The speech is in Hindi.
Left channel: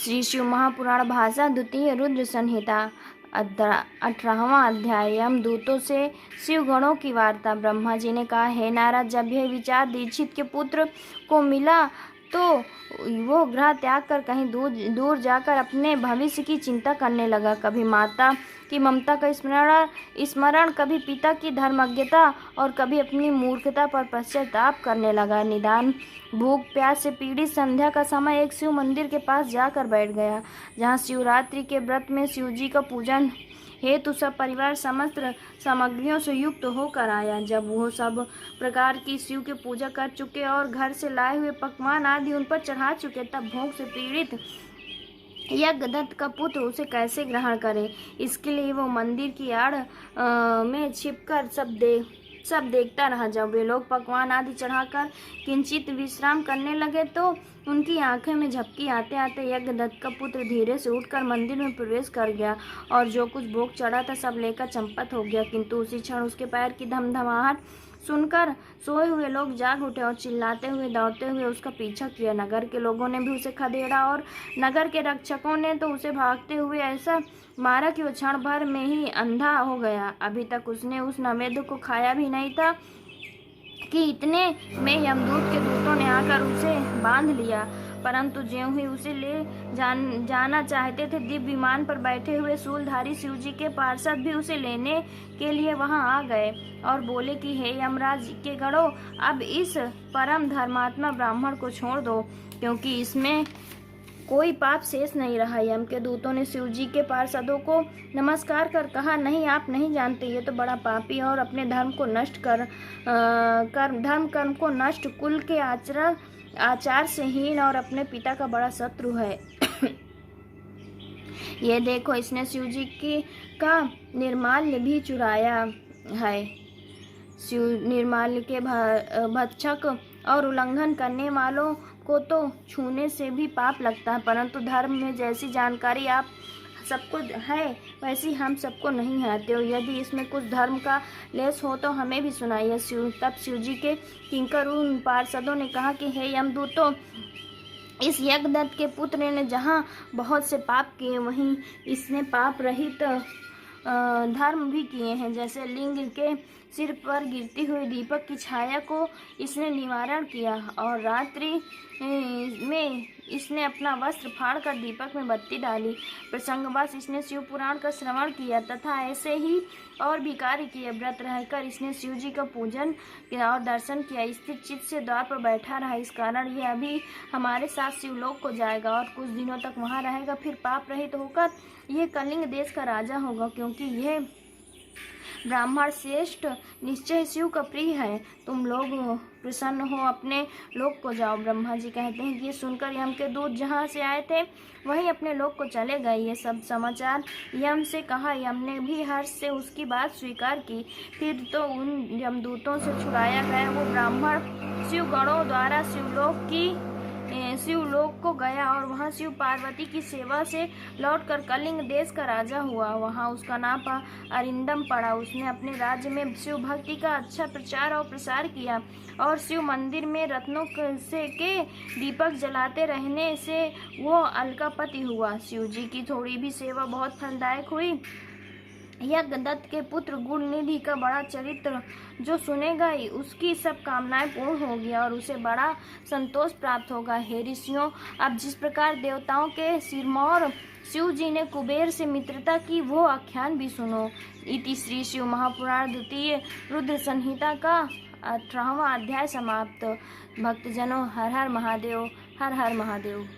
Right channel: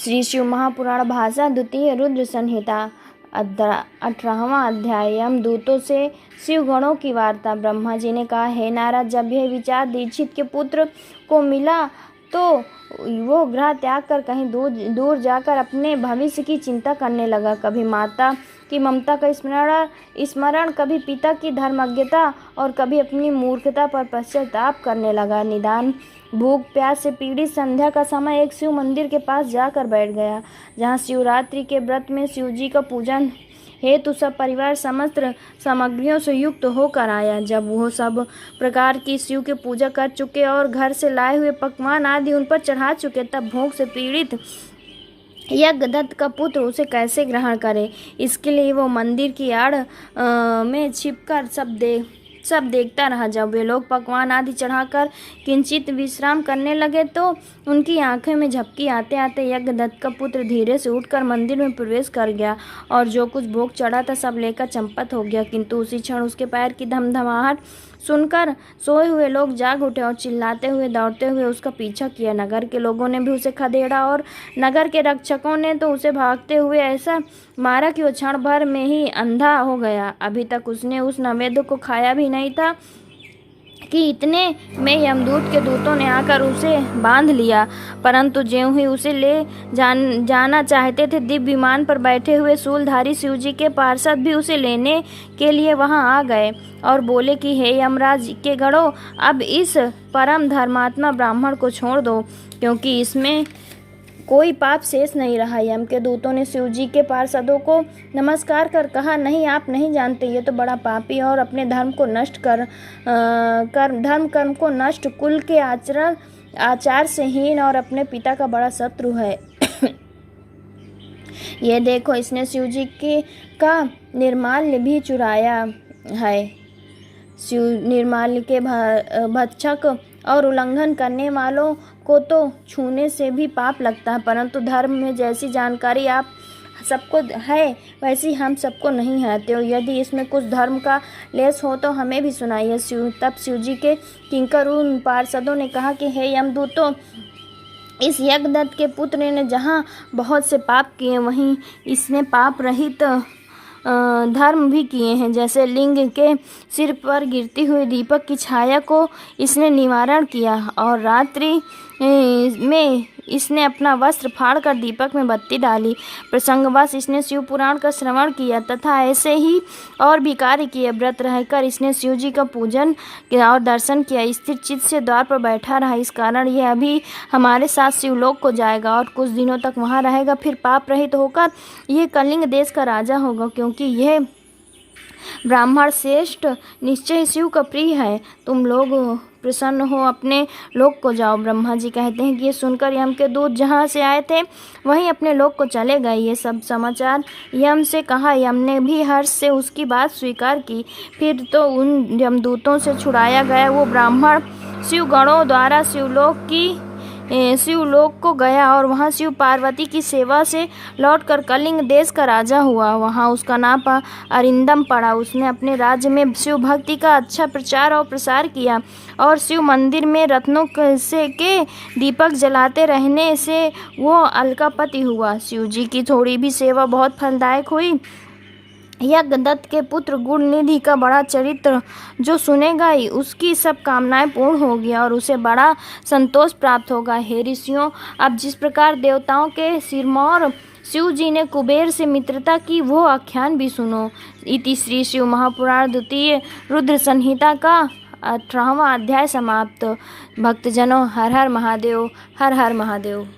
श्री शिव महापुराण भाषा द्वितीय रुद्र संहिता 18वां अध्याय। यमदूतों से शिव गणों की वार्ता। ब्रह्मा जी ने कहा, हे नारद, जब यह विचार दीक्षित के पुत्र को मिला तो वो ग्रह त्याग कर कहीं दूर जाकर अपने भविष्य की चिंता करने लगा। कभी माता की ममता का स्मरण, कभी पिता की धर्मज्ञता और कभी अपनी मूर्खता पर पश्चाताप करने लगा। निदान भूख प्यास से पीड़ित संध्या का समय एक शिव मंदिर के पास जाकर बैठ गया, जहाँ शिवरात्रि के व्रत में शिव जी का पूजन हेतु सब परिवार समस्त सामग्रियों से युक्त होकर आया। जब वो सब प्रकार की शिव की पूजा कर चुके और घर से लाए हुए पकवान आदि उन पर चढ़ा चुके, तब भूख से पीड़ित यज्ञदत्त का पुत्र उसे कैसे ग्रहण करे। इसके लिए वो मंदिर की आड़ में छिपकर सब देखता रहा। जब वे लोग पकवान आदि चढ़ाकर किंचित विश्राम करने लगे तो उनकी आंखें में झपकी आते आते यज्ञदत्त का पुत्र धीरे से उठकर मंदिर में प्रवेश कर गया और जो कुछ भोग चढ़ा था सब लेकर चंपत हो गया। किंतु उसी क्षण उसके पैर की धमधमाहट सुनकर सोए हुए लोग जाग उठे और चिल्लाते हुए दौड़ते हुए उसका पीछा किया। नगर के लोगों ने भी उसे खदेड़ा और नगर के रक्षकों ने तो उसे भागते हुए ऐसा मारा कि वो क्षण भर में ही अंधा हो गया। अभी तक उसने उस नैवेद्य को खाया भी नहीं था कि इतने में यमदूत के दूतों ने आकर उसे बांध लिया। परंतु ज्यों ही उसे ले जाना चाहते थे, दिव्य विमान पर बैठे हुए शूलधारी शिवजी के पार्षद भी उसे लेने के लिए वहां आ गए और बोले कि हे यमराज के गणों, अब इस परम धर्मात्मा ब्राह्मण को छोड़ दो, क्योंकि इसमें कोई पाप शेष नहीं रहा। यम के दूतों ने शिवजी के पार्षदों को नमस्कार कर कहा, नहीं, आप नहीं जानते, ये तो बड़ा पापी और अपने धर्म को नष्ट धर्म कर्म को नष्ट, कुल के आचार से हीन और अपने पिता का बड़ा शत्रु है। ये देखो, इसने शिवजी का निर्माल्य भी चुराया है। शिव निर्माल्य के भक्षक और उल्लंघन करने वालों को तो छूने से भी पाप लगता है, परंतु धर्म में जैसी जानकारी आप सबको है वैसी हम सबको नहीं है। तो यदि इसमें कुछ धर्म का लेस हो तो हमें भी सुनाइए। तब शिवजी के किंकर उन पार्षदों ने कहा कि हे यमदूतों, इस यज्ञदत्त के पुत्र ने जहाँ बहुत से पाप किए, वहीं इसने पाप रहित धर्म भी किए हैं। जैसे लिंग के सिर पर गिरती हुई दीपक की छाया को इसने निवारण किया और रात्रि में इसने अपना वस्त्र फाड़कर दीपक में बत्ती डाली। प्रसंगवश इसने शिव पुराण का श्रवण किया तथा ऐसे ही और भी कार्य किए। व्रत रहकर इसने शिव जी का पूजन किया और दर्शन किया। स्थिर चित्त से द्वार पर बैठा रहा, इस कारण यह अभी हमारे साथ शिवलोक को जाएगा और कुछ दिनों तक वहाँ रहेगा। फिर पाप रहित होकर यह कलिंग देश का राजा होगा, क्योंकि यह ब्राह्मण श्रेष्ठ निश्चय शिव का प्रिय है। तुम लोग प्रसन्न हो, अपने लोक को जाओ। ब्रह्मा जी कहते हैं कि ये सुनकर यम के दूत जहाँ से आए थे वहीं अपने लोक को चले गए। ये सब समाचार यम से कहा। यम ने भी हर्ष से उसकी बात स्वीकार की। फिर तो उन यमदूतों से छुड़ाया गया वो ब्राह्मण शिव गणों द्वारा शिवलोक को गया और वहाँ शिव पार्वती की सेवा से लौटकर कलिंग देश का राजा हुआ। वहाँ उसका नाम अरिंदम पड़ा। उसने अपने राज्य में शिव भक्ति का अच्छा प्रचार और प्रसार किया और शिव मंदिर में रत्नों के दीपक जलाते रहने से वो अलकापति हुआ। शिव जी की थोड़ी भी सेवा बहुत फलदायक हुई। यज्ञदत्त के पुत्र गुणनिधि का बड़ा चरित्र जो सुनेगा उसकी सब कामनाएं पूर्ण होगी और उसे बड़ा संतोष प्राप्त होगा। हे ऋषियों, अब जिस प्रकार देवताओं के सिरमौर शिव जी ने कुबेर से मित्रता की वो आख्यान भी सुनो। इति श्री शिव महापुराण द्वितीय रुद्र संहिता का 18वां अध्याय समाप्त। भक्तजनों, हर हर महादेव, हर हर महादेव।